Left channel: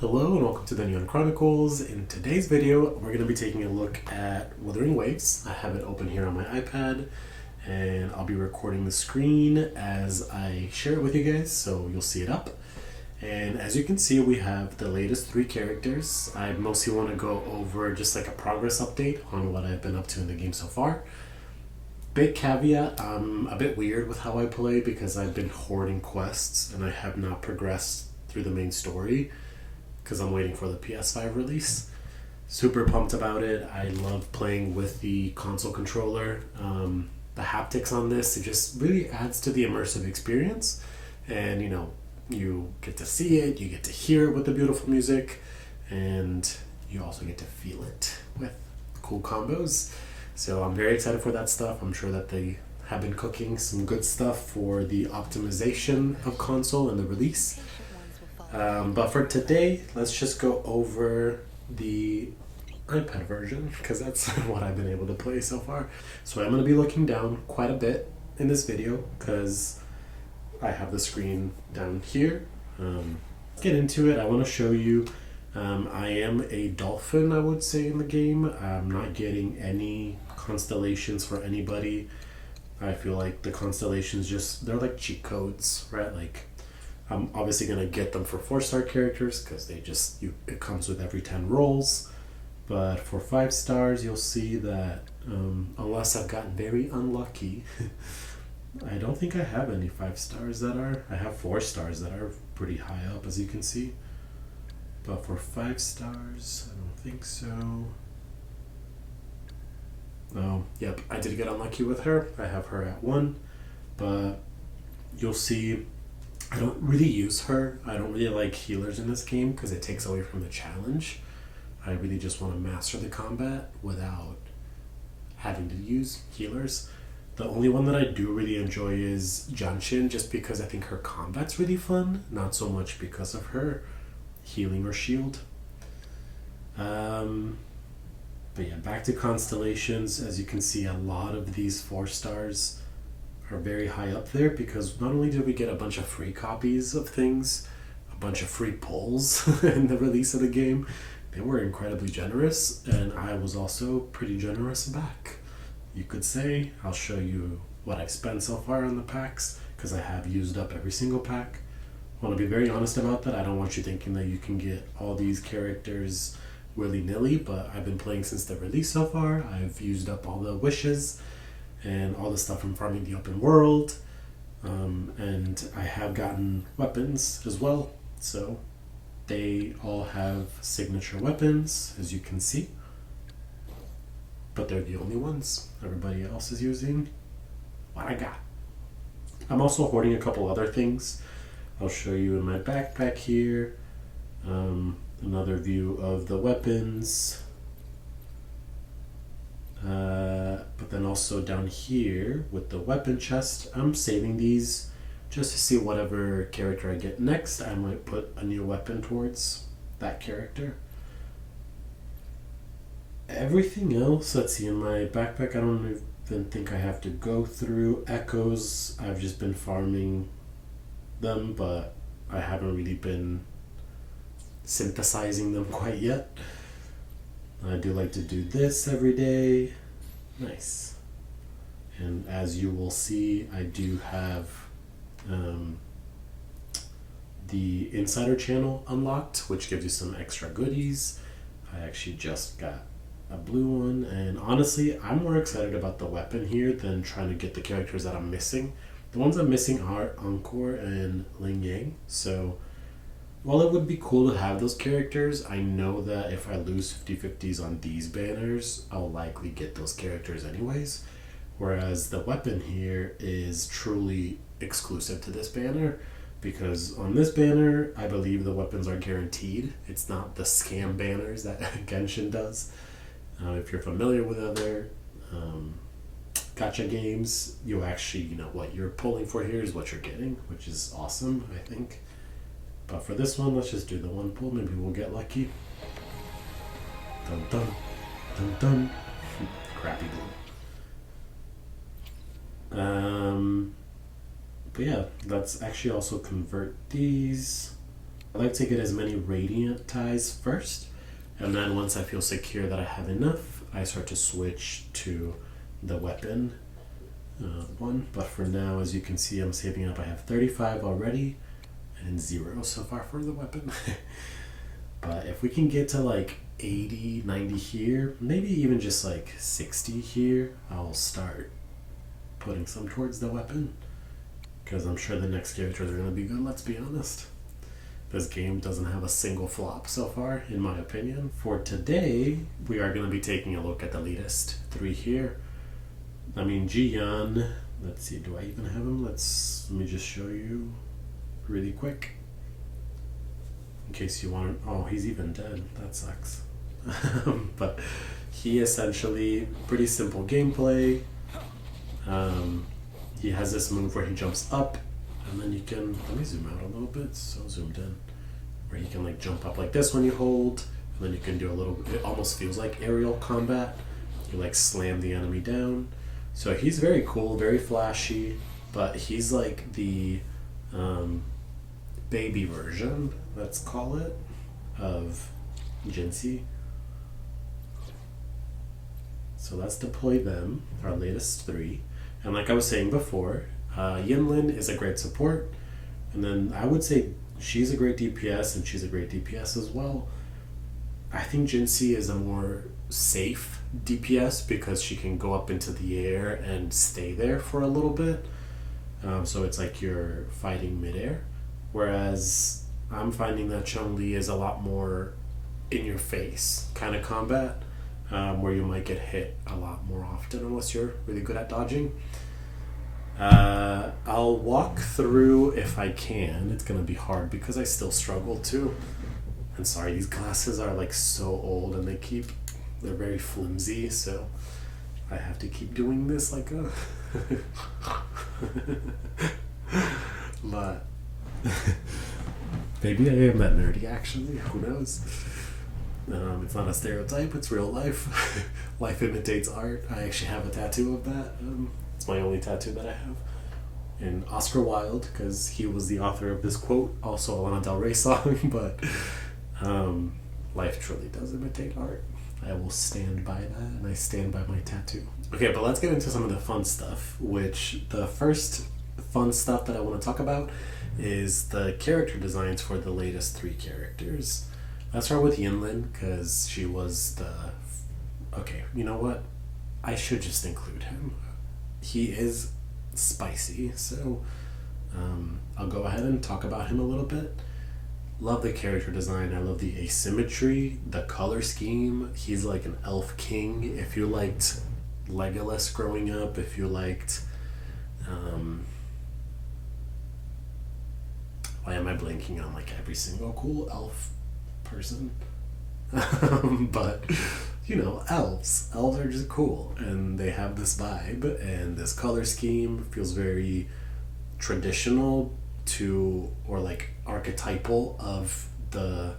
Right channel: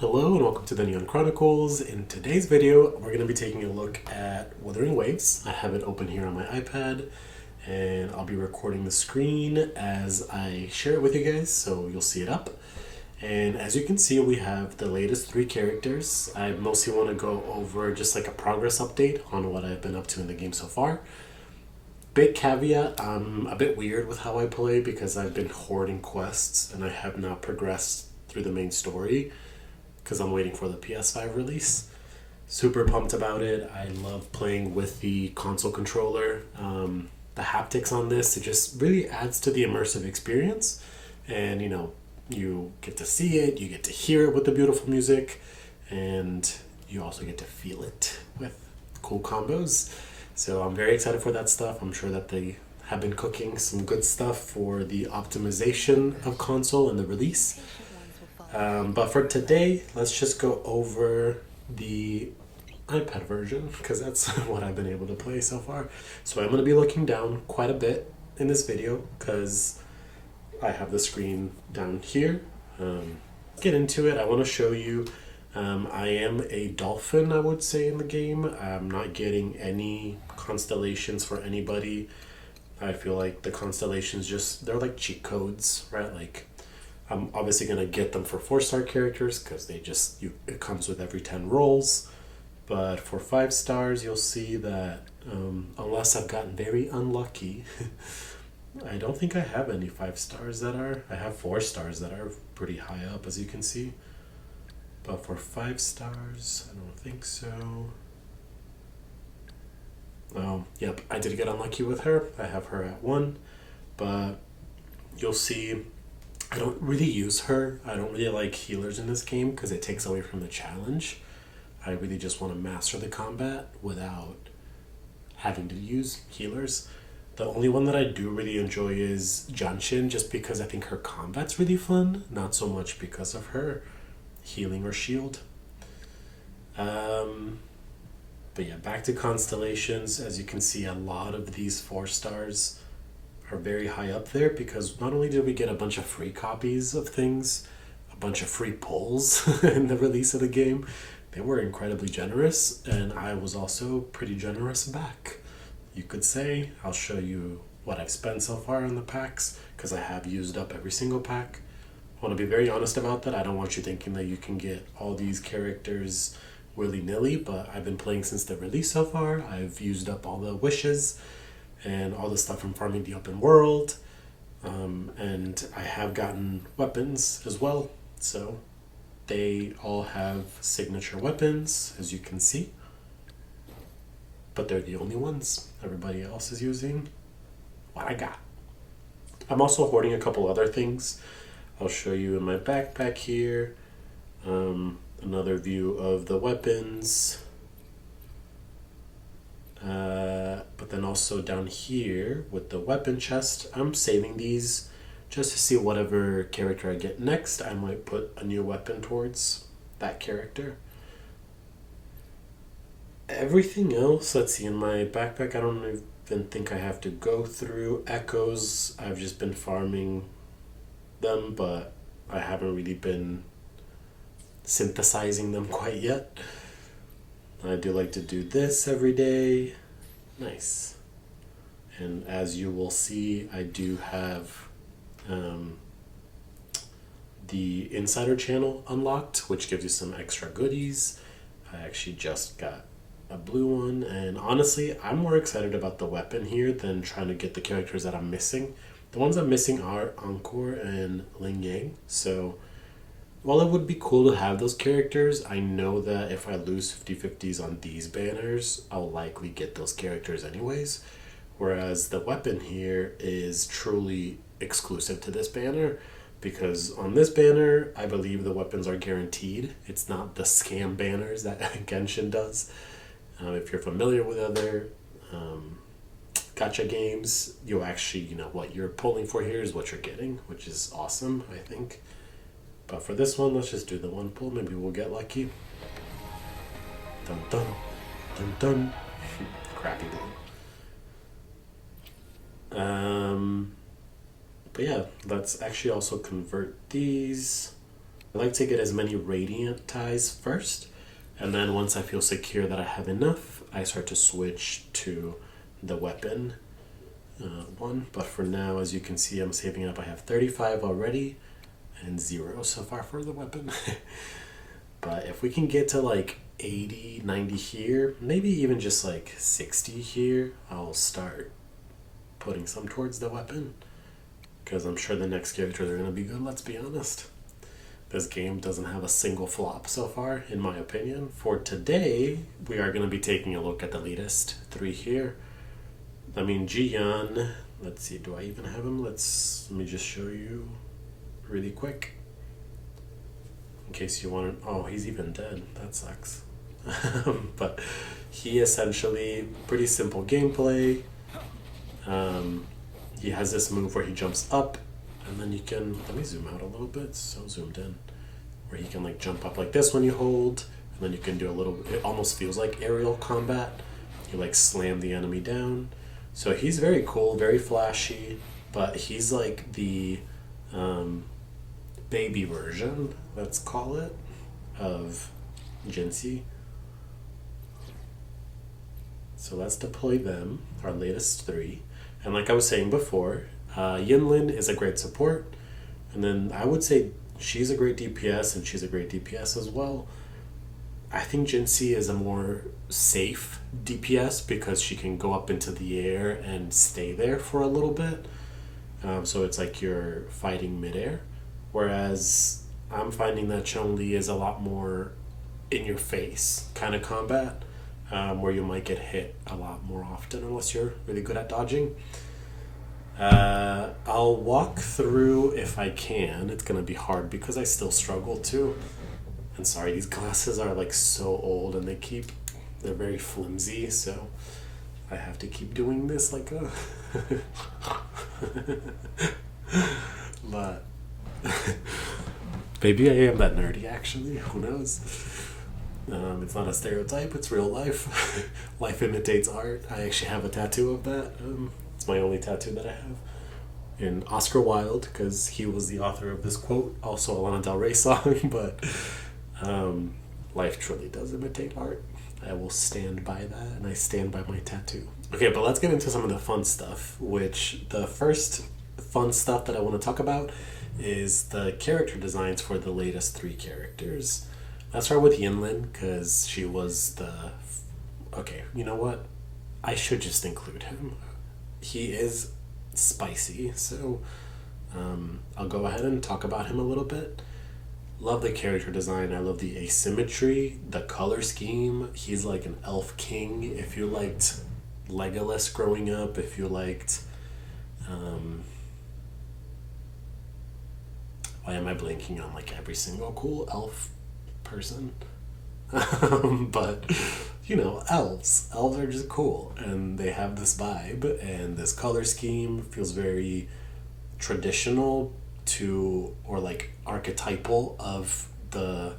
Hello and welcome to the Neon Chronicles. In today's video, we're going to be taking a look at Wuthering Waves. I have it open here on my iPad and I'll be recording the screen as I share it with you guys, so you'll see it up. And as you can see, we have the latest 3 characters. I mostly want to go over just like a progress update on what I've been up to in the game so far. Big caveat, I'm a bit weird with how I play because I've been hoarding quests and I have not progressed through the main story because I'm waiting for the PS5 release. Super pumped about it. I love playing with the console controller. The haptics on this, it just really adds to the immersive experience. And you get to see it, you get to hear it with the beautiful music, and you also get to feel it with cool combos. So I'm very excited for that stuff. I'm sure that they have been cooking some good stuff for the optimization of console and the release. But for today, let's just go over the iPad version because that's what I've been able to play so far. So I'm going to be looking down quite a bit in this video because I have the screen down here. Get into it. I want to show you I am a dolphin, I would say, in the game. I'm not getting any constellations for anybody. I feel like the constellations they're like cheat codes, right? Like I'm obviously going to get them for 4-star characters because it comes with every 10 rolls. But for 5 stars, you'll see that unless I've gotten very unlucky, I don't think I have any 5 stars I have 4 stars that are pretty high up, as you can see. But for 5 stars, I don't think so. Oh, yep, I did get unlucky with her. I have her at 1, but you'll see I don't really use her. I don't really like healers in this game because it takes away from the challenge. I really just want to master the combat without having to use healers. The only one that I do really enjoy is Jinhsi, just because I think her combat's really fun, not so much because of her healing or shield. But yeah, back to constellations. As you can see, a lot of these 4 stars are very high up there because not only did we get a bunch of free copies of things, a bunch of free pulls in the release of the game, they were incredibly generous, and I was also pretty generous back. You could say. I'll show you what I've spent so far on the packs because I have used up every single pack. I want to be very honest about that. I don't want you thinking that you can get all these characters willy-nilly, but I've been playing since the release so far. I've used up all the wishes and all the stuff from farming the open world, and I have gotten weapons as well, so they all have signature weapons, as you can see, but they're the only ones. Everybody else is using what I got. I'm also hoarding a couple other things. I'll show you in my backpack here. Another view of the weapons. But then also down here with the weapon chest, I'm saving these just to see whatever character I get next. I might put a new weapon towards that character. Everything else, let's see, in my backpack, I don't even think I have to go through echoes. I've just been farming them, but I haven't really been synthesizing them quite yet. I do like to do this every day. Nice. And as you will see, I do have the insider channel unlocked, which gives you some extra goodies. I actually just got a blue one, and honestly, I'm more excited about the weapon here than trying to get the characters that I'm missing. The ones I'm missing are Encore and Ling Yang, so while it would be cool to have those characters, I know that if I lose 50/50s on these banners, I'll likely get those characters anyways. Whereas the weapon here is truly exclusive to this banner because on this banner, I believe the weapons are guaranteed. It's not the scam banners that Genshin does. If you're familiar with other gacha games, you actually, what you're pulling for here is what you're getting, which is awesome, I think. But for this one, let's just do the one pull. Maybe we'll get lucky. Dun dun. Dun dun. Crappy blue. But yeah, let's actually also convert these. I like to get as many radiant ties first, and then once I feel secure that I have enough, I start to switch to the weapon one. But for now, as you can see, I'm saving up. I have 35 already and 0 so far for the weapon. But if we can get to like 80, 90 here, maybe even just like 60 here, I'll start putting some towards the weapon, because I'm sure the next characters are going to be good, let's be honest. This game doesn't have a single flop so far, in my opinion. For today, we are going to be taking a look at the latest 3 here. I mean, Jian, let's see, do I even have him? Let me just show you really quick. In case you want to, oh, he's even dead. That sucks. But he essentially, pretty simple gameplay. He has this move where he jumps up, and then you can, let me zoom out a little bit, so zoomed in, where he can like jump up like this when you hold, and then you can do a little, it almost feels like aerial combat. You like slam the enemy down. So he's very cool, very flashy, but he's like the baby version, let's call it, of Jinhsi. So let's deploy them, our latest 3. And like I was saying before, Yinlin is a great support, and then I would say she's a great DPS, and she's a great DPS as well. I think Jinhsi is a more safe DPS because she can go up into the air and stay there for a little bit. So it's like you're fighting midair. Whereas I'm finding that Changli is a lot more in your face kind of combat, where you might get hit a lot more often unless you're really good at dodging. I'll walk through if I can. It's going to be hard because I still struggle too. And sorry, these glasses are like so old and they're very flimsy, so I have to keep doing this like a but maybe I am that nerdy actually, who knows. It's not a stereotype, it's real life. Life imitates art. I actually have a tattoo of that. It's my only tattoo that I have. In Oscar Wilde, because he was the author of this quote, also a Lana Del Rey song, but life truly does imitate art. I will stand by that, and I stand by my tattoo. Okay, but let's get into some of the fun stuff, which the first fun stuff that I want to talk about is the character designs for the latest 3 characters. Let's start with Yinlin, because she was the... Okay, you know what? I should just include him. He is spicy, so I'll go ahead and talk about him a little bit. Love the character design. I love the asymmetry, the color scheme. He's like an elf king. If you liked Legolas growing up, if you liked... why am I blanking on like every single cool elf person? But you know, elves are just cool, and they have this vibe, and this color scheme feels very traditional to, or like archetypal of the,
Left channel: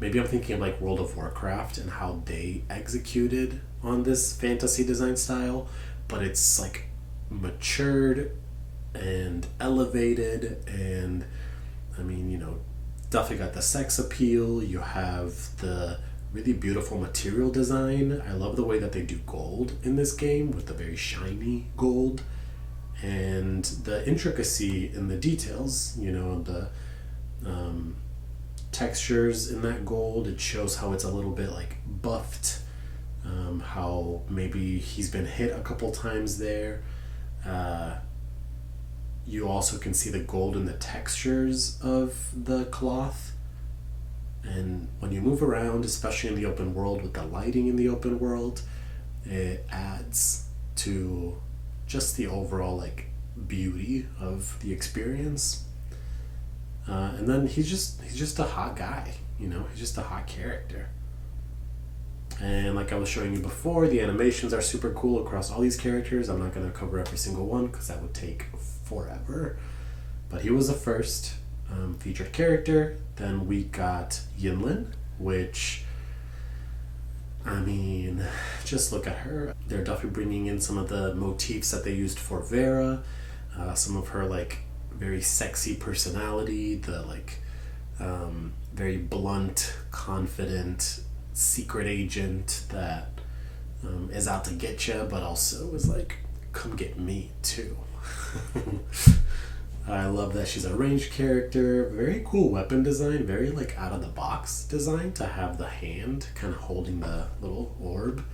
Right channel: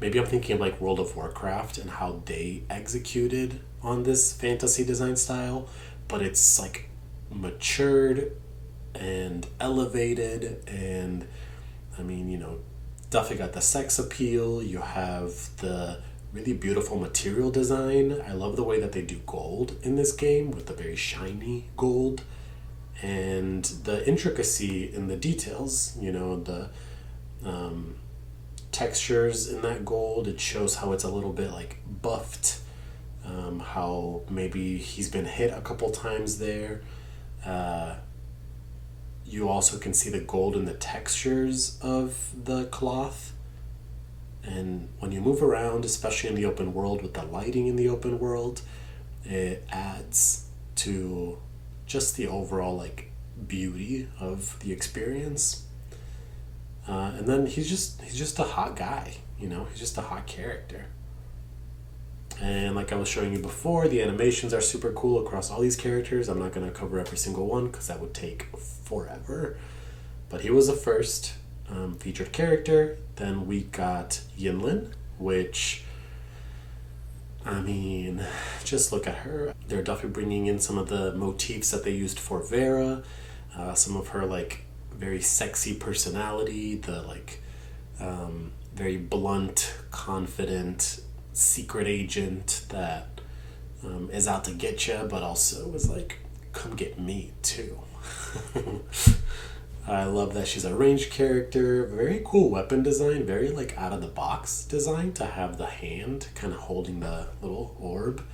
maybe I'm thinking of like World of Warcraft and how they executed on this fantasy design style, but it's like matured and elevated, and I mean, you know, definitely got the sex appeal. You have the really beautiful material design. I love the way that they do gold in this game with the very shiny gold, and the intricacy in the details, you know, the textures in that gold. It shows how it's a little bit like buffed, how maybe he's been hit a couple times there. You also can see the gold in the textures of the cloth. And when you move around, especially in the open world with the lighting in the open world, it adds to just the overall like beauty of the experience. And then he's just a hot guy, you know, he's just a hot character. And like I was showing you before, the animations are super cool across all these characters. I'm not going to cover every single one because that would take forever. But he was the first featured character. Then we got Yinlin, which, I mean, just look at her. They're definitely bringing in some of the motifs that they used for Vera, some of her like very sexy personality, the like Very blunt, confident, secret agent that is out to get you, but also is like, come get me too. I love that she's a ranged character. Very cool weapon design. Very like out of the box design to have the hand kind of holding the little orb.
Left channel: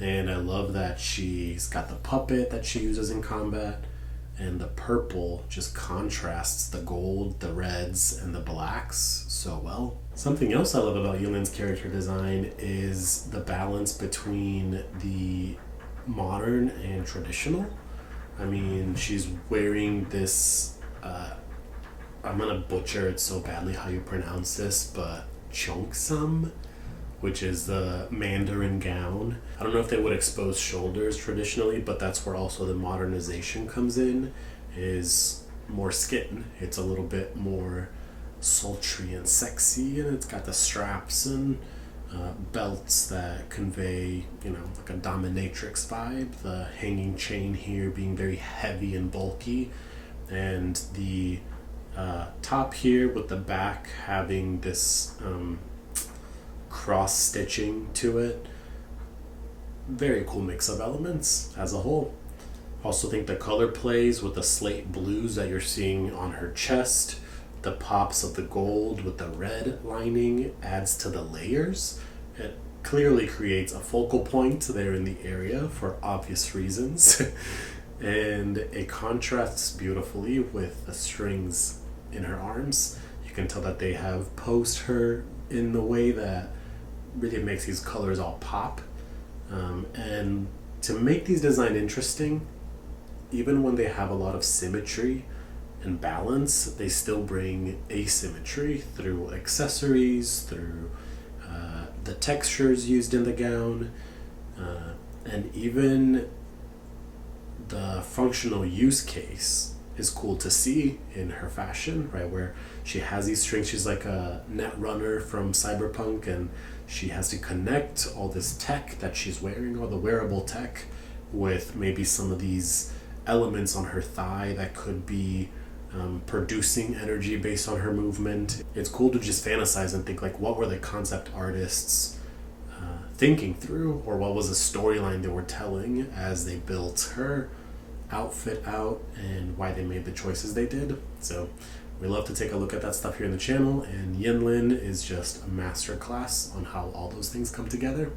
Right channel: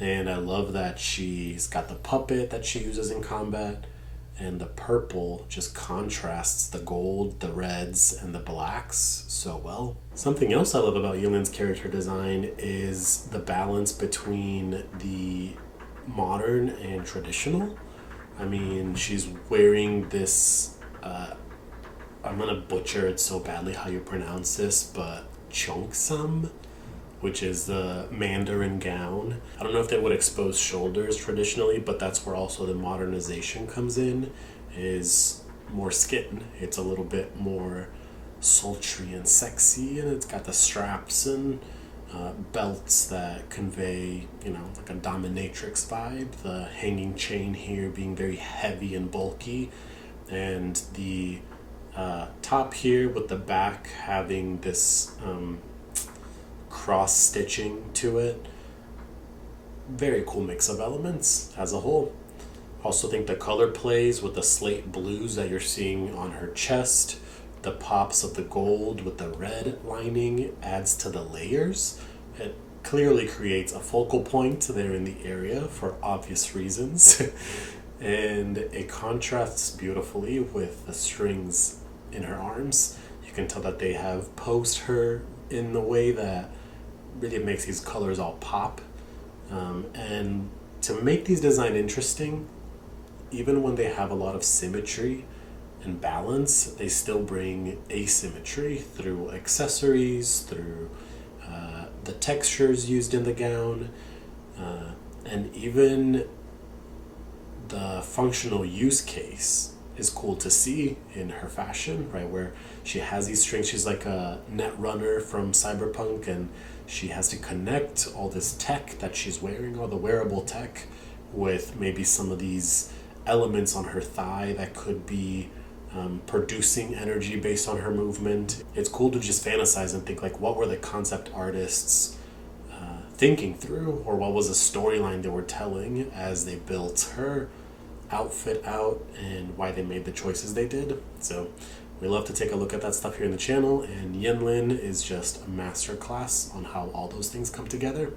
And I love that she's got the puppet that she uses in combat. And the purple just contrasts the gold, the reds, and the blacks so well. Something else I love about Yinlin's character design is the balance between the modern and traditional. I mean, she's wearing this, I'm gonna butcher it so badly how you pronounce this, but cheongsam, which is the Mandarin gown. I don't know if they would expose shoulders traditionally, but that's where also the modernization comes in, is more skin. It's a little bit more sultry and sexy, and it's got the straps and belts that convey, like a dominatrix vibe. The hanging chain here being very heavy and bulky, and the top here with the back having this cross stitching to it. Very cool mix of elements as a whole. Also think the color plays with the slate blues that you're seeing on her chest. The pops of the gold with the red lining adds to the layers. It clearly creates a focal point there in the area for obvious reasons. And it contrasts beautifully with the strings in her arms. You can tell that they have posed her in the way that really makes these colors all pop. And to make these designs interesting, even when they have a lot of symmetry and balance, they still bring asymmetry through accessories, through the textures used in the gown, and even the functional use case is cool to see in her fashion, right? Where she has these strings, she's like a net runner from Cyberpunk, and she has to connect all this tech that she's wearing, all the wearable tech, with maybe some of these elements on her thigh that could be producing energy based on her movement. It's cool to just fantasize and think like, what were the concept artists thinking through, or what was the storyline they were telling as they built her outfit out, and why they made the choices they did. So we love to take a look at that stuff here in the channel, and Yinlin is just a masterclass on how all those things come together.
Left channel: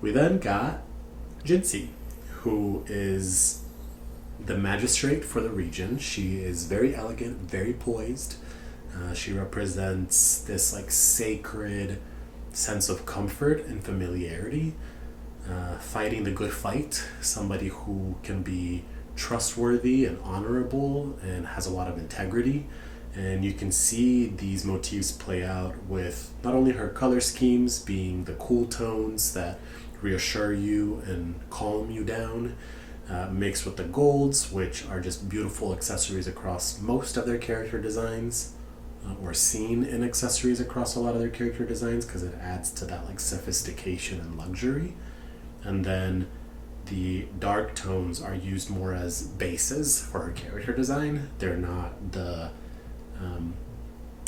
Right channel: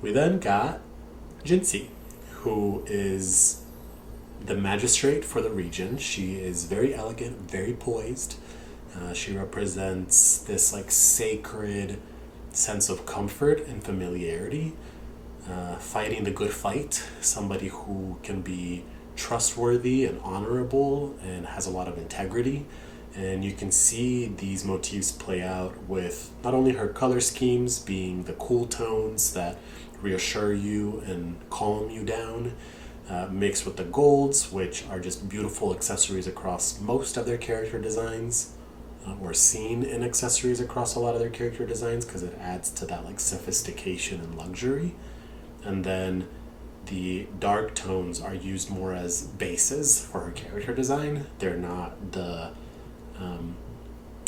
We then got Jinhsi, who is the magistrate for the region. She is very elegant, very poised. She represents this like sacred sense of comfort and familiarity, fighting the good fight, somebody who can be trustworthy and honorable and has a lot of integrity. And you can see these motifs play out with not only her color schemes being the cool tones that reassure you and calm you down, mixed with the golds, which are just beautiful accessories across most of their character designs, or seen in accessories across a lot of their character designs, because it adds to that like sophistication and luxury. And then the dark tones are used more as bases for her character design. They're not the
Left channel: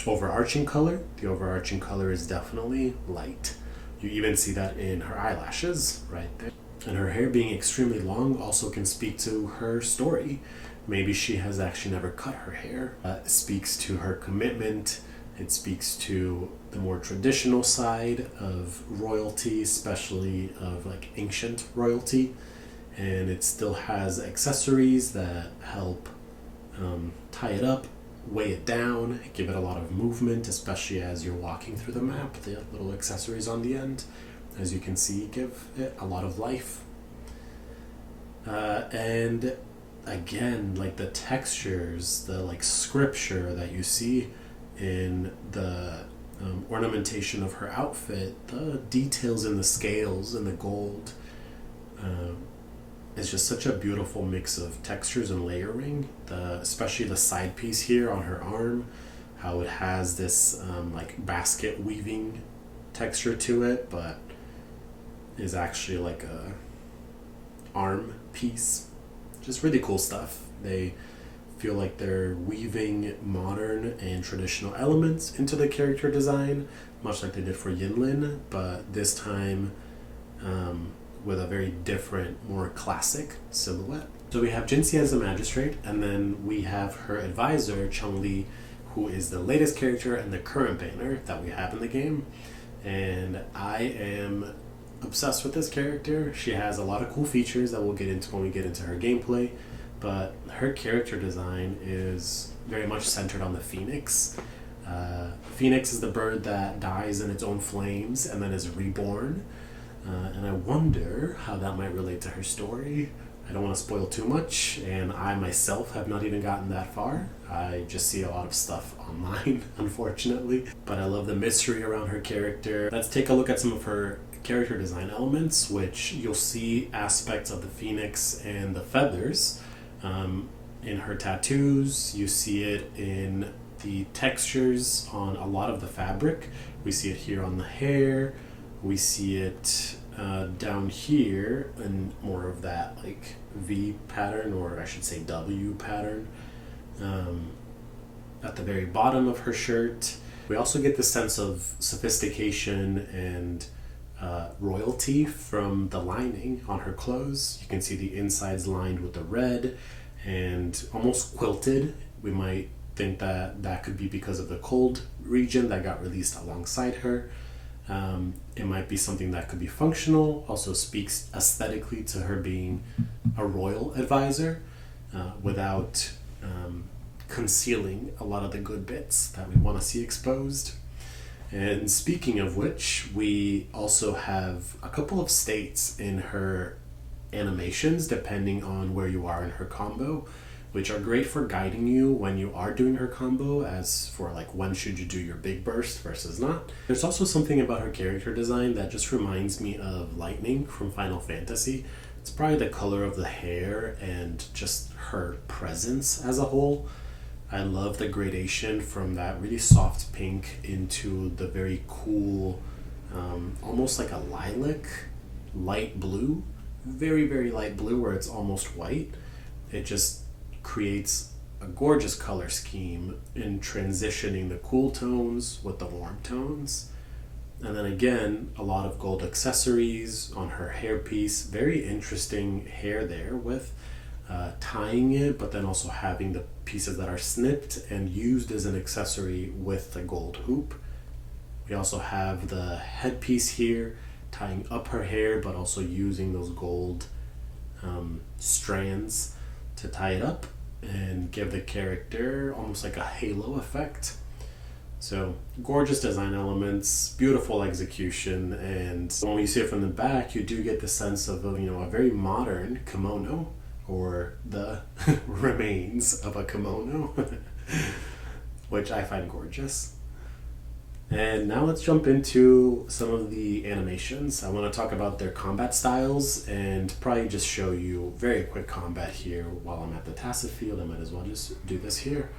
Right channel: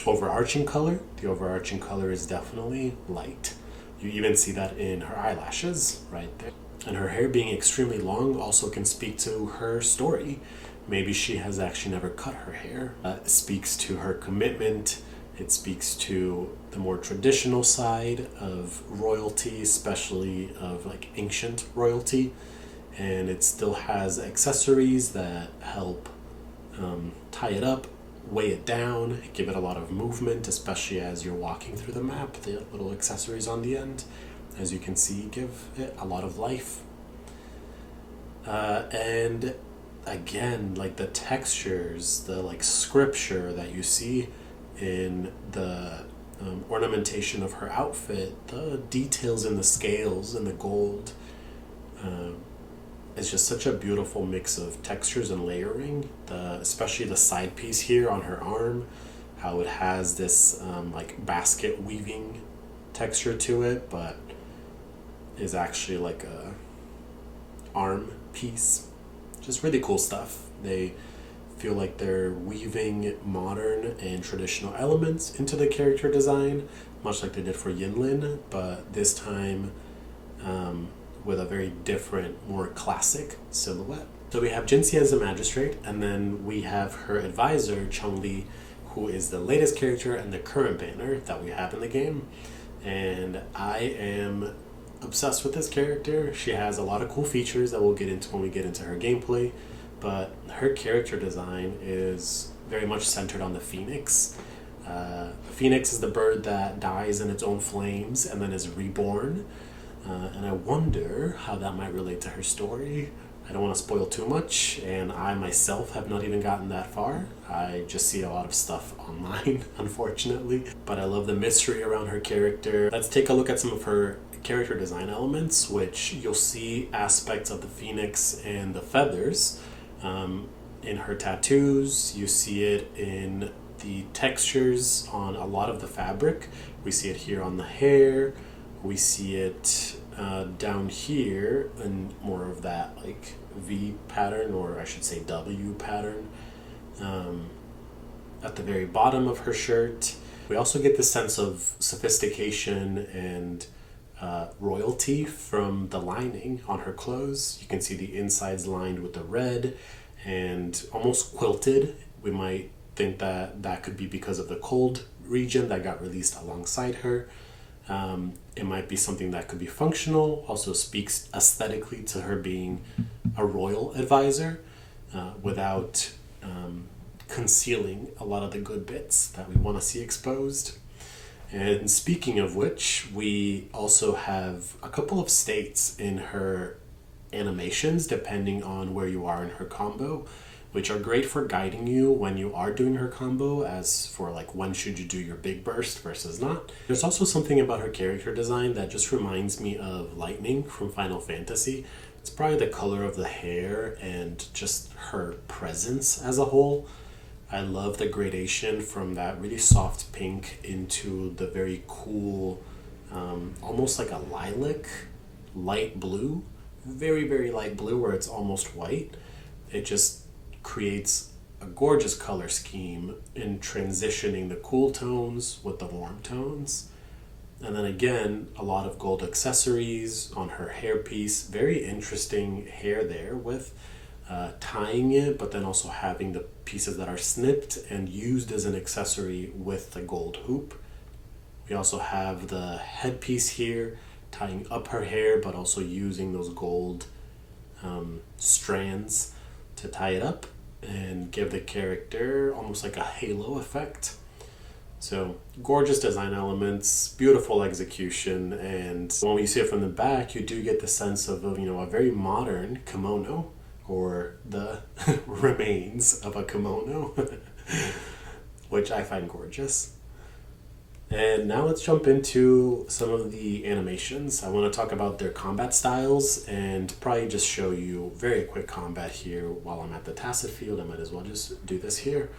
overarching color. The overarching color is definitely light. You even see that in her eyelashes right there. And her hair being extremely long also can speak to her story. Maybe she has actually never cut her hair. It speaks to her commitment. It speaks to the more traditional side of royalty, especially of like ancient royalty. And it still has accessories that help tie it up, weigh it down, give it a lot of movement, especially as you're walking through the map. The little accessories on the end, as you can see, give it a lot of life. And again, like the textures, the like scripture that you see in the ornamentation of her outfit, the details in the scales and the gold, it's just such a beautiful mix of textures and layering. Especially the side piece here on her arm, how it has this like basket weaving texture to it, but is actually like a arm piece. Just really cool stuff. They feel like they're weaving modern and traditional elements into the character design, much like they did for Yinlin, but this time with a very different, more classic silhouette. So we have Jinhsi as a magistrate, and then we have her advisor, Changli, who is the latest character and the current banner that we have in the game. And I am obsessed with this character. She has a lot of cool features that we'll get into when we get into her gameplay, but her character design is very much centered on the phoenix. Phoenix is the bird that dies in its own flames and then is reborn. And I wonder how that might relate to her story. I don't want to spoil too much, and I myself have not even gotten that far. I just see a lot of stuff online, unfortunately. But I love the mystery around her character. Let's take a look at some of her character design elements, which you'll see aspects of the phoenix and the feathers. In her tattoos, you see it in the textures on a lot of the fabric. We see it here on the hair. We see it down here in more of that like V pattern, or I should say W pattern. At the very bottom of her shirt, we also get the sense of sophistication and royalty from the lining on her clothes. You can see the insides lined with the red and almost quilted. We might think that that could be because of the cold region that got released alongside her. It might be something that could be functional, also speaks aesthetically to her being a royal advisor without concealing a lot of the good bits that we want to see exposed. And speaking of which, we also have a couple of states in her animations depending on where you are in her combo, which are great for guiding you when you are doing her combo, as for like when should you do your big burst versus not. There's also something about her character design that just reminds me of Lightning from Final Fantasy. It's probably the color of the hair and just her presence as a whole. I love the gradation from that really soft pink into the very cool, almost like a lilac, light blue, very, very light blue where it's almost white. It just creates a gorgeous color scheme in transitioning the cool tones with the warm tones. And then again, a lot of gold accessories on her hairpiece. Very interesting hair there with tying it, but then also having the pieces that are snipped and used as an accessory with the gold hoop. We also have the headpiece here, tying up her hair, but also using those gold strands to tie it up and give the character almost like a halo effect. So gorgeous design elements, beautiful execution, and when you see it from the back, you do get the sense of a very modern kimono, or the remains of a kimono, which I find gorgeous. And now let's jump into some of the animations. I want to talk about their combat styles and probably just show you very quick combat here while I'm at the tacit field. I might as well just do this here.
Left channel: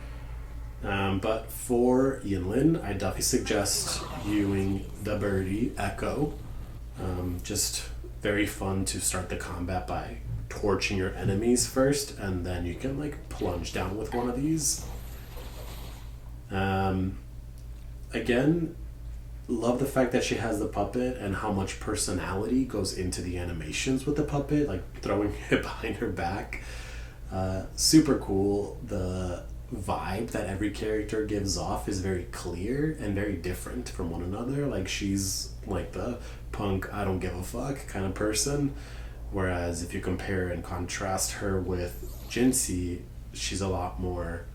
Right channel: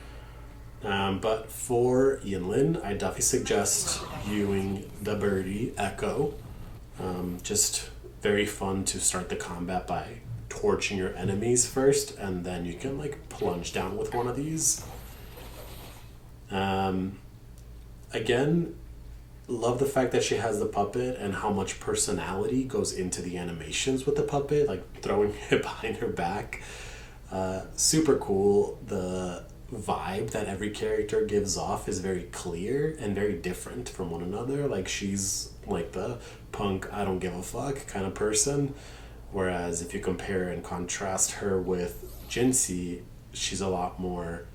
But for Yinlin, I definitely suggest viewing the birdie Echo. Just very fun to start the combat by torching your enemies first, and then you can like plunge down with one of these. Again, love the fact that she has the puppet and how much personality goes into the animations with the puppet, like throwing it behind her back. Super cool. The vibe that every character gives off is very clear and very different from one another. Like she's like the punk, I don't give a fuck kind of person. Whereas if you compare and contrast her with Jinhsi, she's a lot more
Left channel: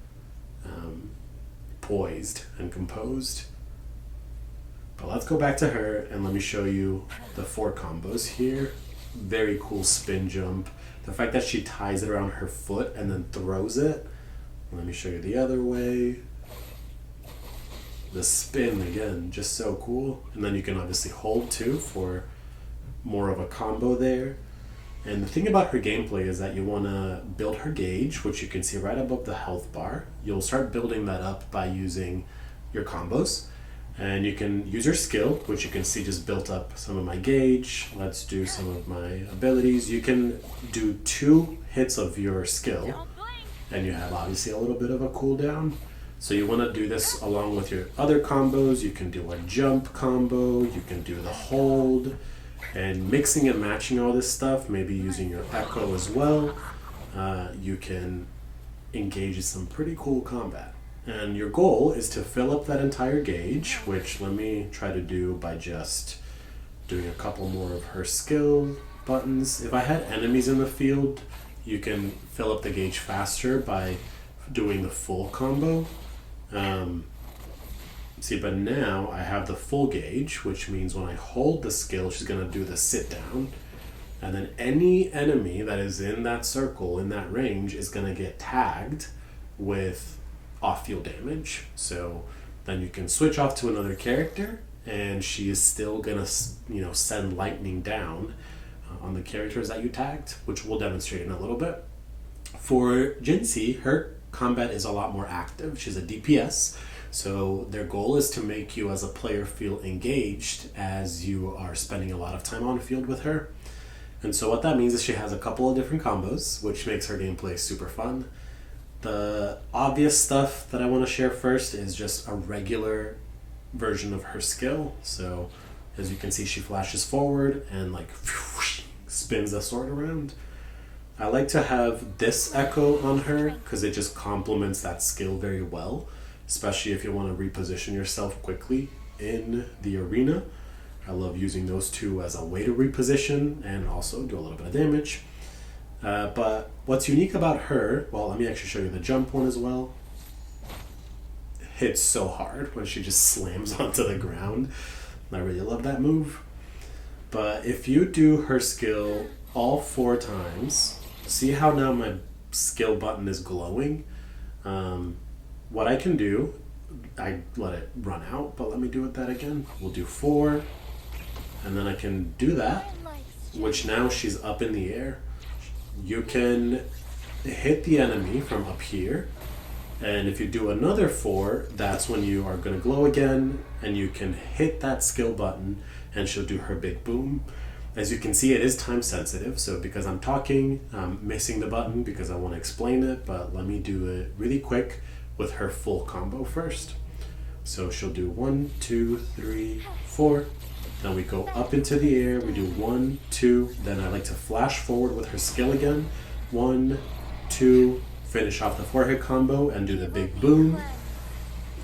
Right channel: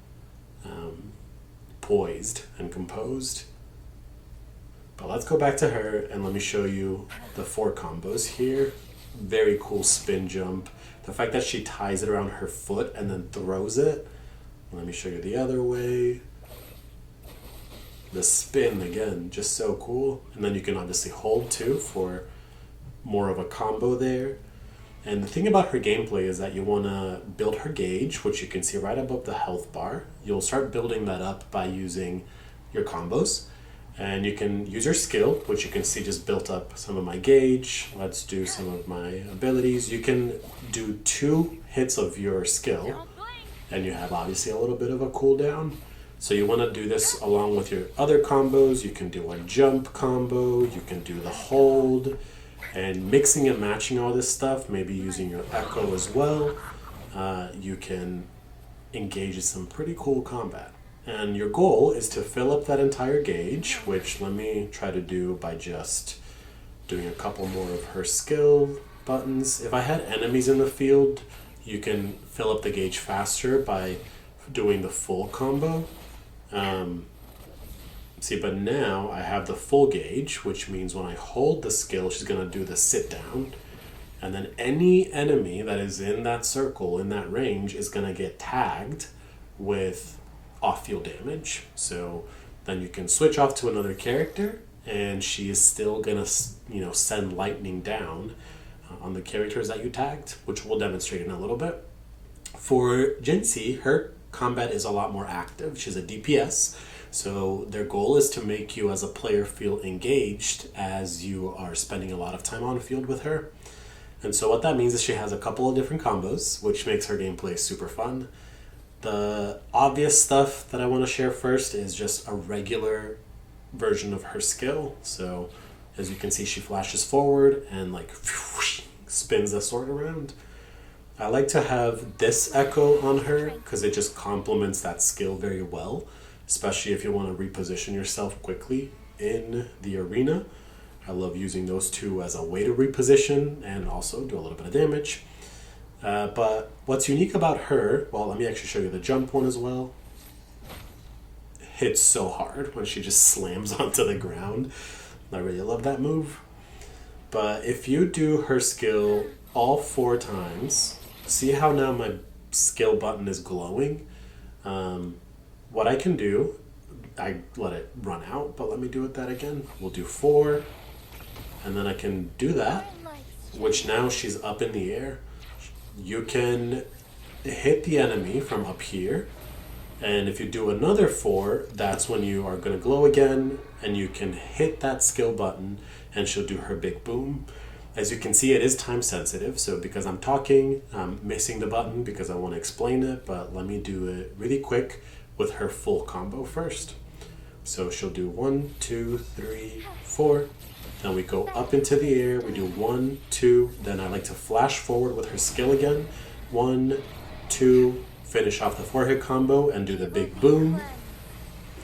poised and composed. But let's go back to her and let me show you the 4 combos here. Very cool spin jump. The fact that she ties it around her foot and then throws it. Let me show you the other way. The spin, again, just so cool. And then you can obviously hold too for more of a combo there. And the thing about her gameplay is that you want to build her gauge, which you can see right above the health bar. You'll start building that up by using your combos. And you can use your skill, which you can see just built up some of my gauge. Let's do some of my abilities. You can do 2 hits of your skill and you have obviously a little bit of a cooldown. So you want to do this along with your other combos. You can do a jump combo, you can do the hold, and mixing and matching all this stuff, maybe using your echo as well, you can engage in some pretty cool combat. And your goal is to fill up that entire gauge, which let me try to do by just doing a couple more of her skill buttons. If I had enemies in the field, you can fill up the gauge faster by doing the full combo. See, but now I have the full gauge, which means when I hold the skill, she's going to do the sit down. And then any enemy that is in that circle, in that range, is going to get tagged with off-field damage. So then you can switch off to another character, and she is still going to, send lightning down on the characters that you tagged, which we'll demonstrate in a little bit. For Jinhsi, her combat is a lot more active. She's a DPS, so their goal is to make you as a player feel engaged as you are spending a lot of time on field with her. And so what that means is she has a couple of different combos, which makes her gameplay super fun. The obvious stuff that I want to share first is just a regular version of her skill. So as you can see, she flashes forward and spins the sword around. I like to have this echo on her because it just complements that skill very well, especially if you want to reposition yourself quickly in the arena. I love using those two as a way to reposition and also do a little bit of damage. But what's unique about her, well, let me actually show you the jump one as well. Hits so hard when she just slams onto the ground. I really love that move. But if you do her skill all 4 times, see how now my skill button is glowing? What I can do, I let it run out, but let me do it that again. We'll do 4, and then I can do that, which now she's up in the air. You can hit the enemy from up here, and if you do another 4, that's when you are going to glow again, and you can hit that skill button, and she'll do her big boom. As you can see, it is time sensitive, so because I'm talking, I'm missing the button because I want to explain it, but let me do it really quick with her full combo first. So she'll do 1, 2, 3, 4. Then we go up into the air, we do 1, 2, then I like to flash forward with her skill again. 1, 2, finish off the 4-hit combo and do the big boom.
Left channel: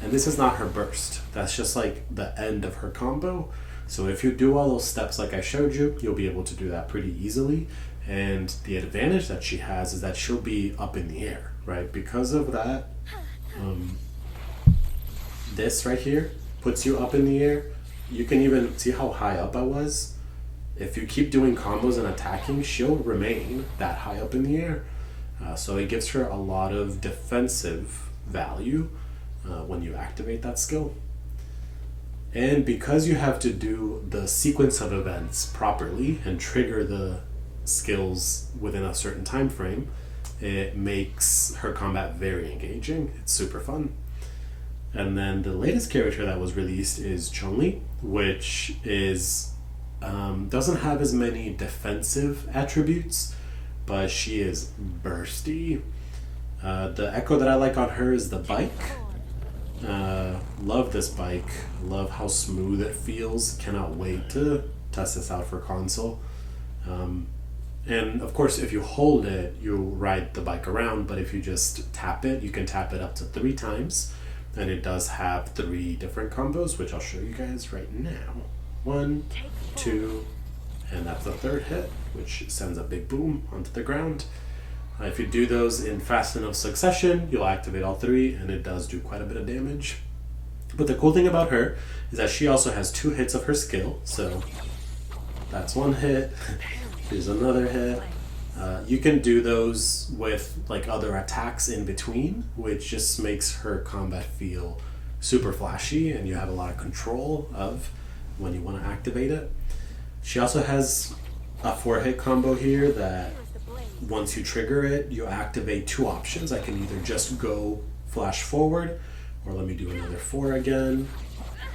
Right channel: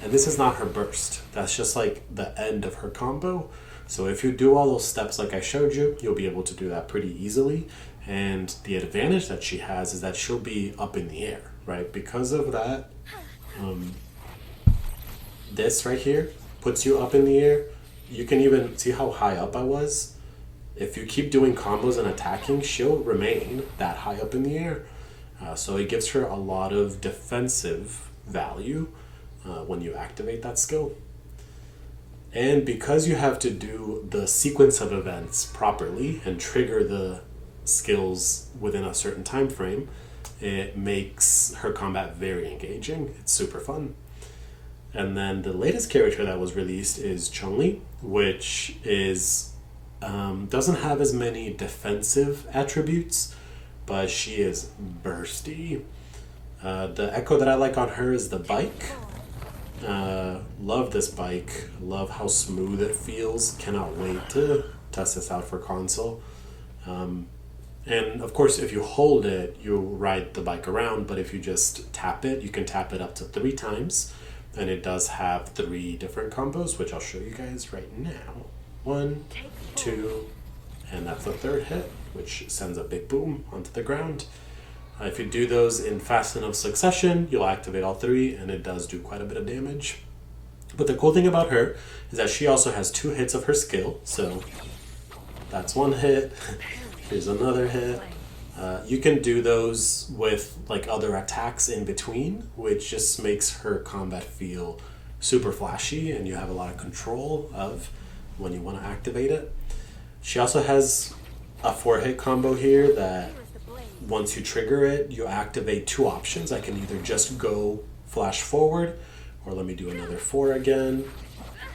And this is not her burst, that's just like the end of her combo. So if you do all those steps like I showed you, you'll be able to do that pretty easily. And the advantage that she has is that she'll be up in the air, right? Because of that, this right here puts you up in the air. You can even see how high up I was. If you keep doing combos and attacking, she'll remain that high up in the air. So it gives her a lot of defensive value when you activate that skill. And because you have to do the sequence of events properly and trigger the skills within a certain time frame, it makes her combat very engaging. It's super fun. And then the latest character that was released is Changli, which is doesn't have as many defensive attributes, but she is bursty. The echo that I like on her is the bike. Love this bike. Love how smooth it feels. Cannot wait to test this out for console. And of course, if you hold it, you'll ride the bike around, but if you just tap it, you can tap it up to 3 times. And it does have 3 different combos, which I'll show you guys right now. 1, 2, and that's the 3rd hit, which sends a big boom onto the ground. If you do those in fast enough succession, you'll activate all 3, and it does do quite a bit of damage. But the cool thing about her is that she also has 2 hits of her skill. So that's 1 hit, here's another hit. You can do those with like other attacks in between, which just makes her combat feel super flashy, and you have a lot of control of when you want to activate it. She also has a 4-hit combo here that once you trigger it, you activate 2 options. I can either just go flash forward, or let me do another 4 again,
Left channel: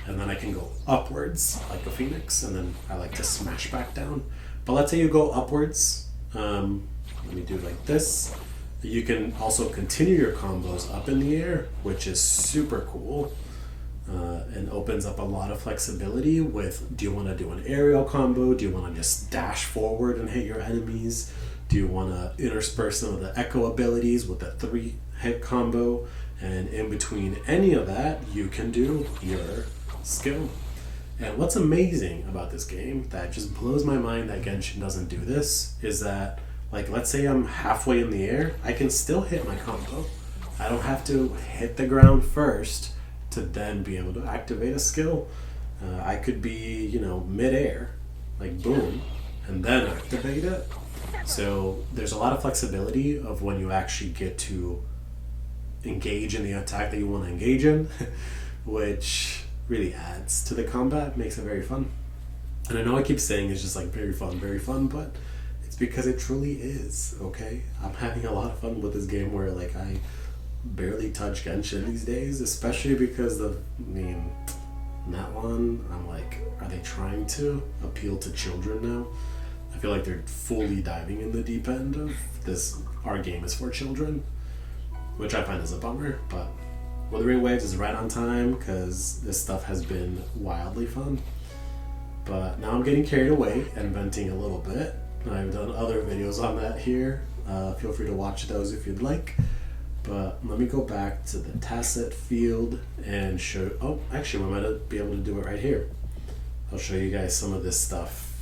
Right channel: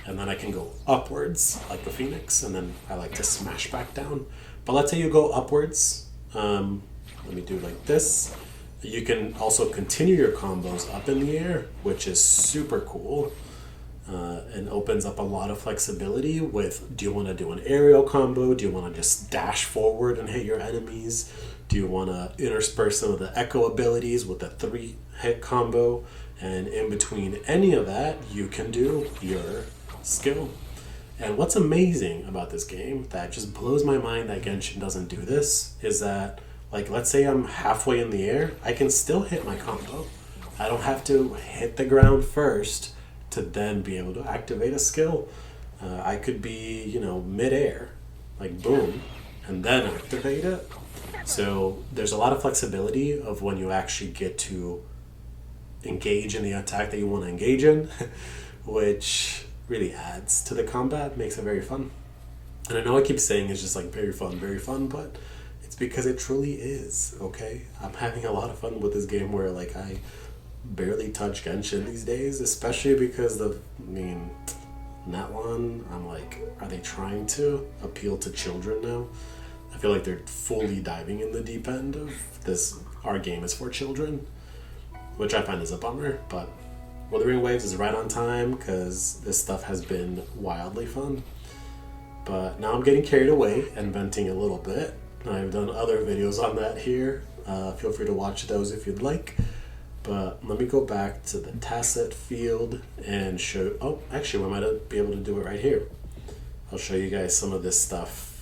and then I can go upwards like a phoenix, and then I like to smash back down. But let's say you go upwards, let me do like this, You can also continue your combos up in the air, which is super cool. And opens up a lot of flexibility with, do you want to do an aerial combo? Do you want to just dash forward and hit your enemies? Do you want to intersperse some of the echo abilities with a 3-hit combo? And in between any of that, you can do your skill. And what's amazing about this game that just blows my mind that Genshin doesn't do this is that, like, let's say I'm halfway in the air, I can still hit my combo. I don't have to hit the ground first to then be able to activate a skill. I could be, you know, mid-air, like boom, and then activate it. So there's a lot of flexibility of when you actually get to engage in the attack that you want to engage in, which really adds to the combat, makes it very fun. And I know I keep saying it's just like very fun, but it's because it truly is, okay? I'm having a lot of fun with this game where like I barely touch Genshin these days, especially because that one, I'm like, are they trying to appeal to children now? I feel like they're fully diving in the deep end of this, our game is for children, which I find is a bummer, but Wuthering Waves is right on time because this stuff has been wildly fun. But now I'm getting carried away and venting a little bit. I've done other videos on that here. Feel free to watch those if you'd like. But let me go back to the tacit field and show, oh, actually we might be able to do it right here. I'll show you guys some of this stuff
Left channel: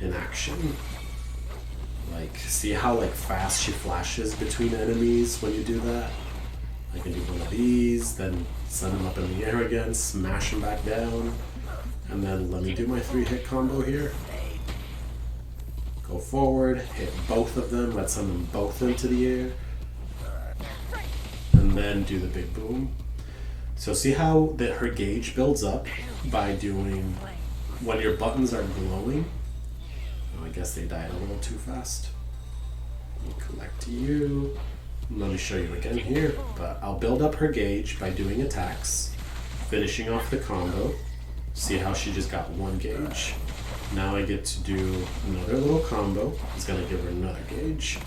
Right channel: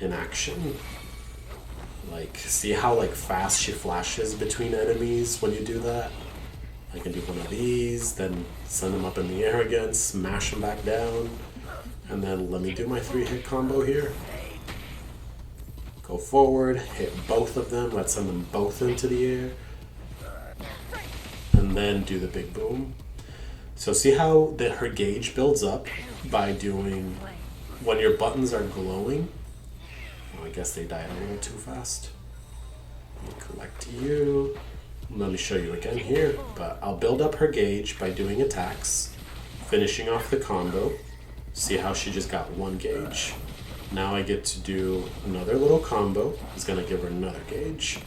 in action. Like, see how like fast she flashes between enemies when you do that? I can do one of these, then send them up in the air again, smash them back down, and then let me do my 3-hit combo here. Go forward, hit both of them, let's send them both into the air, and then do the big boom. So see how her gauge builds up by doing, when your buttons are glowing, oh, I guess they died a little too fast. Let me collect you. Let me show you again here, but I'll build up her gauge by doing attacks, finishing off the combo. See how she just got 1 gauge. Now I get to do another little combo. It's gonna give her another gauge.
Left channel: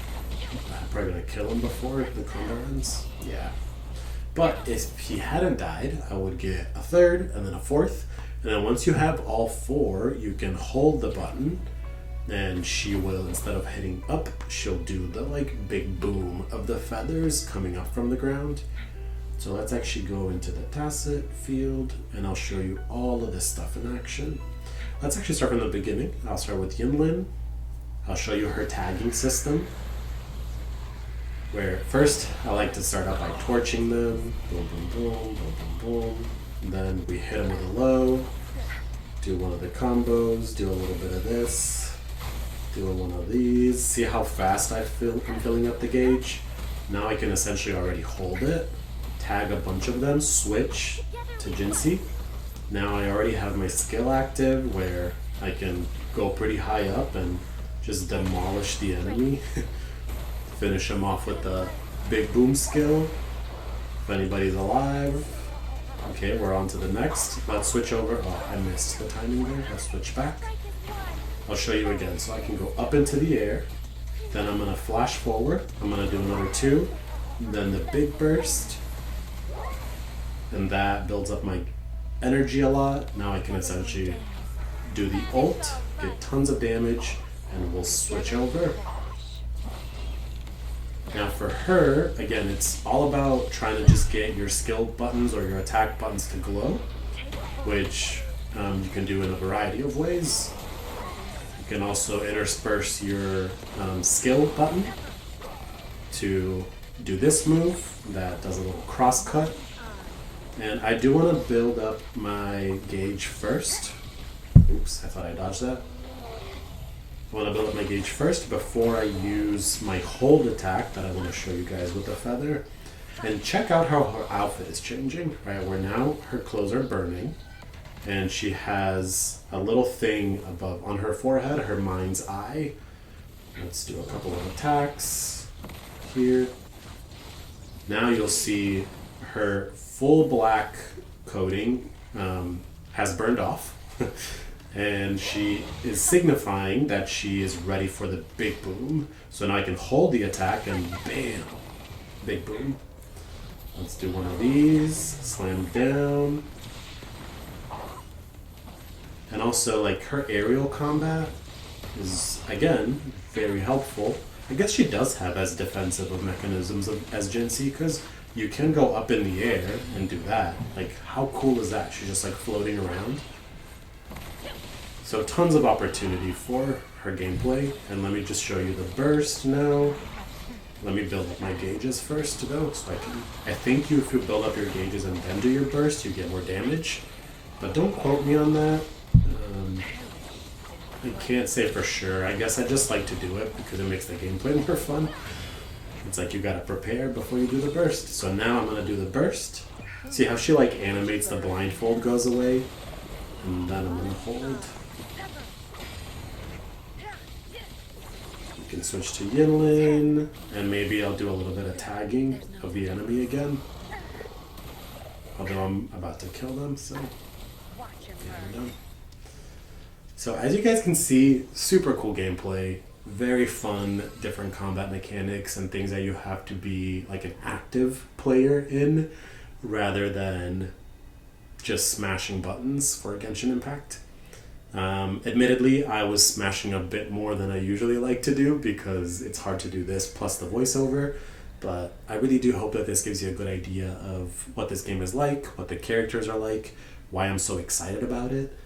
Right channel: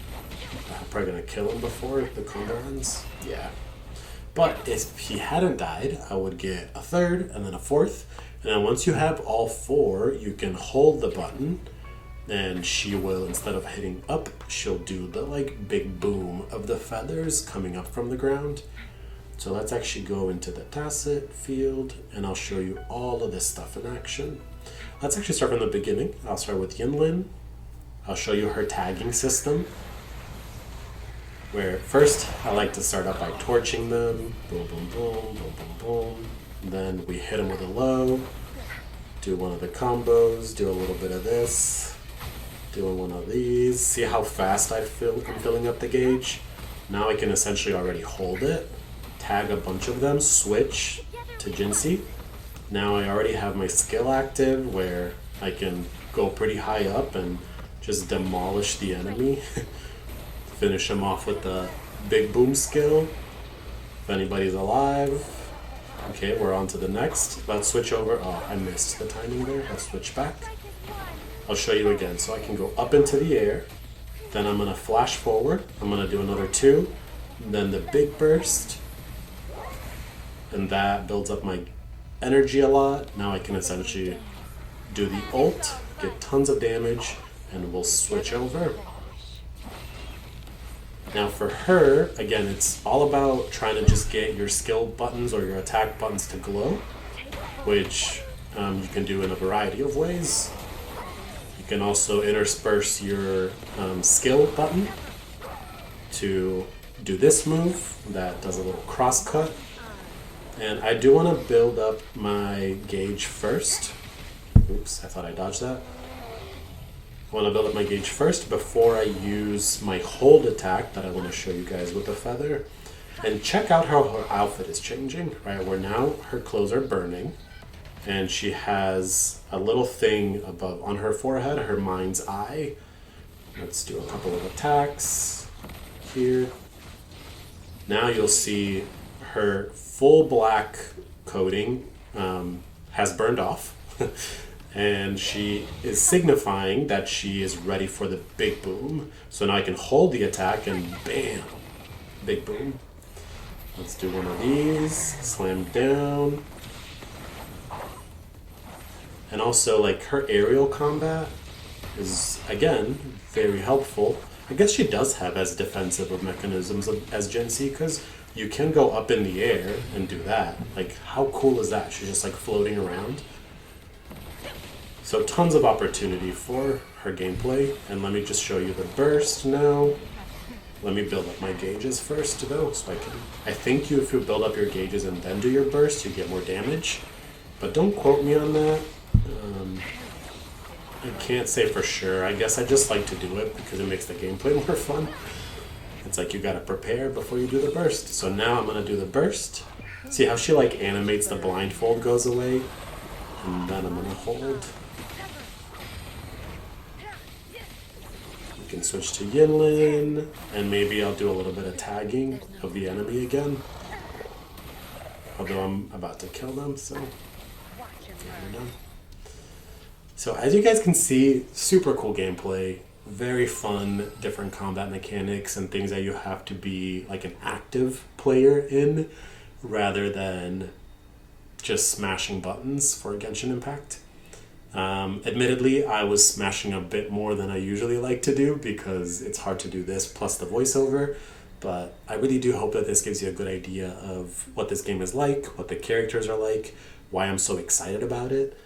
I'm probably gonna kill him before the combo ends. Yeah. But if he hadn't died, I would get a 3rd and then a 4th. And then once you have all 4, you can hold the button and she will, instead of hitting up, she'll do the like big boom of the feathers coming up from the ground. So let's actually go into the tacit field and I'll show you all of this stuff in action. Let's actually start from the beginning. I'll start with Yinlin. I'll show you her tagging system, where first I like to start out by torching them. Boom, boom, boom, boom, boom, boom. Then we hit them with a low, do one of the combos, do a little bit of this, doing one of these. See how fast I'm filling up the gauge? Now I can essentially already hold it, tag a bunch of them, switch to Jinhsi. Now I already have my skill active where I can go pretty high up and just demolish the enemy. Finish them off with the big boom skill. If anybody's alive. Okay, we're on to the next. Let's switch over. Oh, I missed the timing there. Let's switch back. I'll show you again. So I can go up into the air. Then I'm going to flash forward. I'm going to do another 2. Then the big burst. And that builds up my energy a lot. Now I can essentially do the ult, get tons of damage, and we'll switch over. Now for her, again, it's all about trying to just get your skill buttons or your attack buttons to glow, which you can do in a variety of ways. You can also intersperse your skill button to do this move that does a little cross cut. And I do want to build up my gauge first. Oops, I thought I dodged that. I want to build up my gauge first before I use my hold attack that I want to show you guys with the feather. And check out how her outfit is changing, right? Where now her clothes are burning and she has a little thing above on her forehead, her mind's eye. Let's do a couple of attacks here. Now you'll see her full black coating has burned off. and she is signifying that she is ready for the big boom. So now I can hold the attack and bam, big boom. Let's do one of these, slam down. And also, like, her aerial combat is, again, very helpful. I guess she does have as defensive of mechanisms as Jinhsi, because you can go up in the air and do that. Like, how cool is that? She's just, like, floating around. So tons of opportunity for her gameplay. And let me just show you the burst now. Let me build up my gauges first, though, so I think if you build up your gauges and then do your burst, you get more damage. But don't quote me on that. I can't say for sure. I guess I just like to do it because it makes the gameplay more fun. It's like you gotta prepare before you do the burst. So now I'm gonna do the burst. See how she like animates, the blindfold goes away? And then I'm gonna hold. You can switch to Yinlin, and maybe I'll do a little bit of tagging of the enemy again. Although I'm about to kill them, so we're done. So as you guys can see, super cool gameplay, very fun, different combat mechanics and things that you have to be like an active player in rather than just smashing buttons for Genshin Impact. Admittedly, I was smashing a bit more than I usually like to do because it's hard to do this plus the voiceover, but I really do hope that this gives you a good idea of what this game is like, what the characters are like, why I'm so excited about it.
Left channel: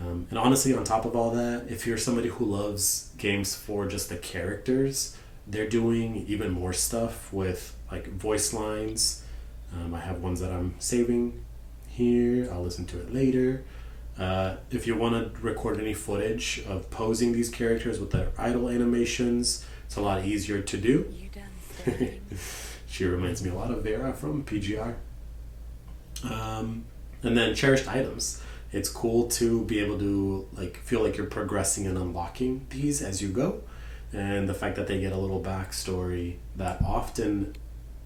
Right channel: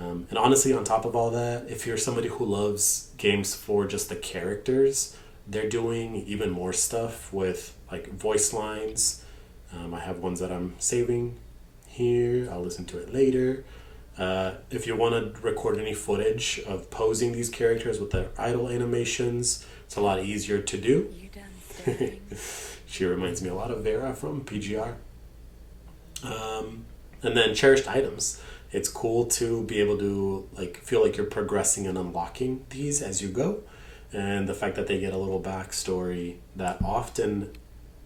And honestly, on top of all that, if you're somebody who loves games for just the characters, they're doing even more stuff with like voice lines. I have ones that I'm saving here. I'll listen to it later. If you want to record any footage of posing these characters with their idle animations, it's a lot easier to do. She reminds me a lot of Vera from PGR. And then cherished items. It's cool to be able to like feel like you're progressing and unlocking these as you go. And the fact that they get a little backstory that often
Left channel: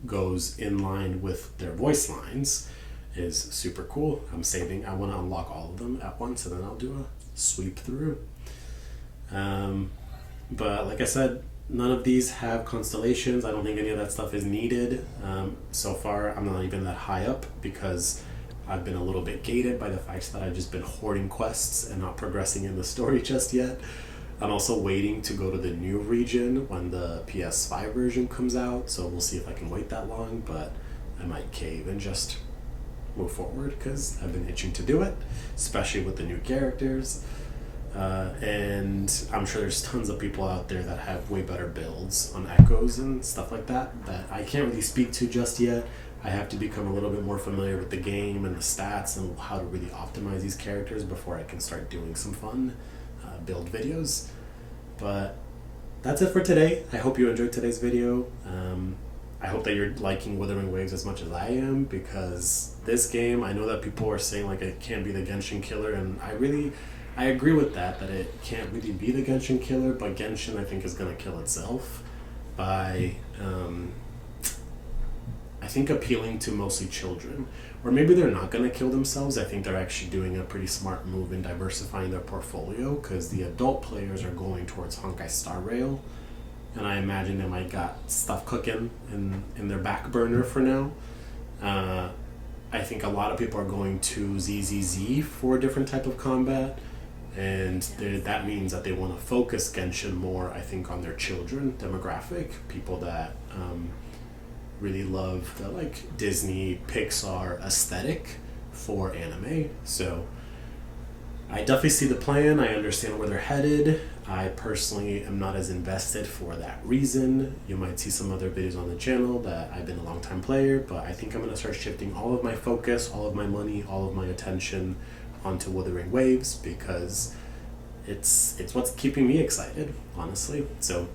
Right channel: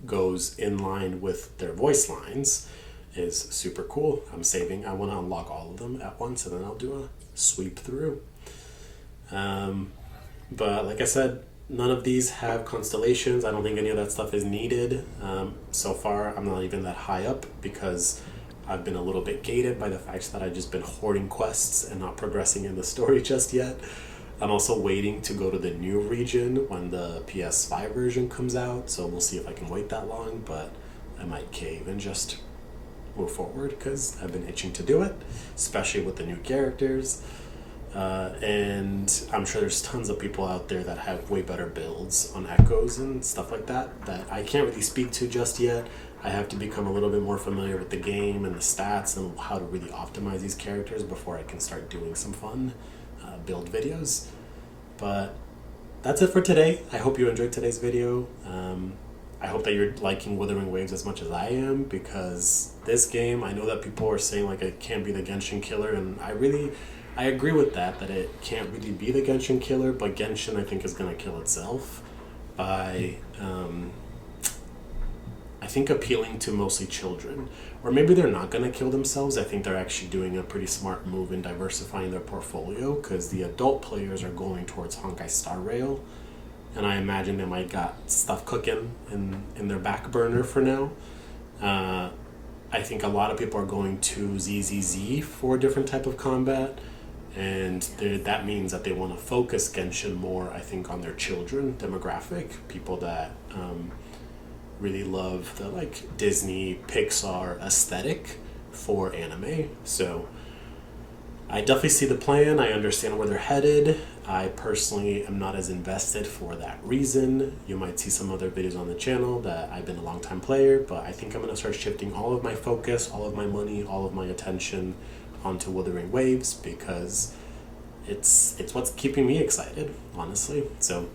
goes in line with their voice lines is super cool. I'm saving. I want to unlock all of them at once, and then I'll do a sweep through. But like I said, none of these have constellations. I don't think any of that stuff is needed. So far, I'm not even that high up because I've been a little bit gated by the fact that I've just been hoarding quests and not progressing in the story just yet. I'm also waiting to go to the new region when the PS5 version comes out, so we'll see if I can wait that long, but I might cave and just move forward because I've been itching to do it, especially with the new characters. And I'm sure there's tons of people out there that have way better builds on echoes and stuff like that I can't really speak to just yet. I have to become a little bit more familiar with the game and the stats and how to really optimize these characters before I can start doing some fun build videos. But that's it for today. I hope you enjoyed today's video. I hope that you're liking Wuthering Waves as much as I am, because this game, I know that people are saying like it can't be the Genshin killer, and I agree with that it can't really be the Genshin killer, but Genshin I think is going to kill itself by I think appealing to mostly children. Or maybe they're not going to kill themselves. I think they're actually doing a pretty smart move in diversifying their portfolio, because the adult players are going towards Honkai Star Rail, and I imagine they might got stuff cooking in their back burner for now. I think a lot of people are going to ZZZ for a different type of combat, and that means that they want to focus Genshin more, I think, on their children demographic, people that really love the like Disney Pixar aesthetic for anime. So I definitely see the plan. I understand where they're headed. I personally am not as invested for that reason. You might see some other videos on the channel that I've been a long time player, but I think I'm going to start shifting all of my focus, all of my money, all of my attention onto Wuthering Waves, because it's what's keeping me excited, honestly. So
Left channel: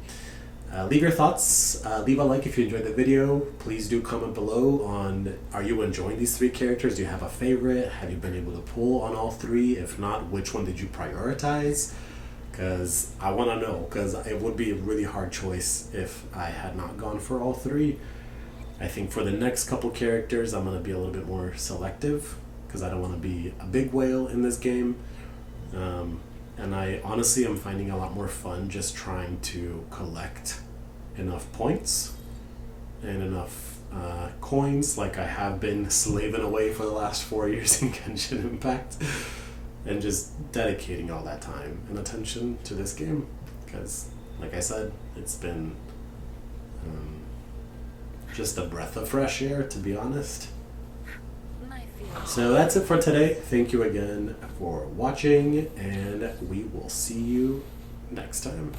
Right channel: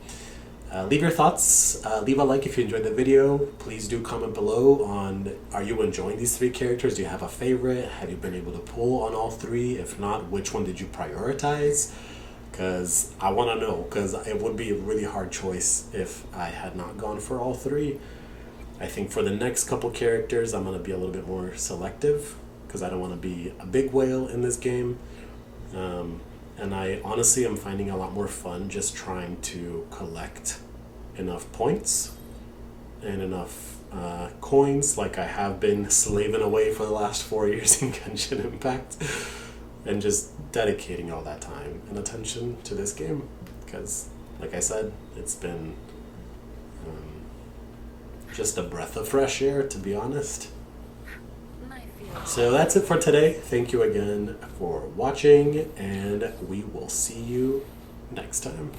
leave your thoughts, leave a like if you enjoyed the video. Please do comment below on, are you enjoying these three characters? Do you have a favorite? Have you been able to pull on all three? If not, which one did you prioritize? Because I want to know, because it would be a really hard choice if I had not gone for all three. I think for the next couple characters, I'm going to be a little bit more selective, because I don't want to be a big whale in this game. and I honestly am finding a lot more fun just trying to collect enough points and enough coins, like I have been slaving away for the last 4 years in Genshin Impact, and just dedicating all that time and attention to this game, because like I said, it's been just a breath of fresh air, to be honest. So that's it for today. Thank you again for watching, and we will see you next time.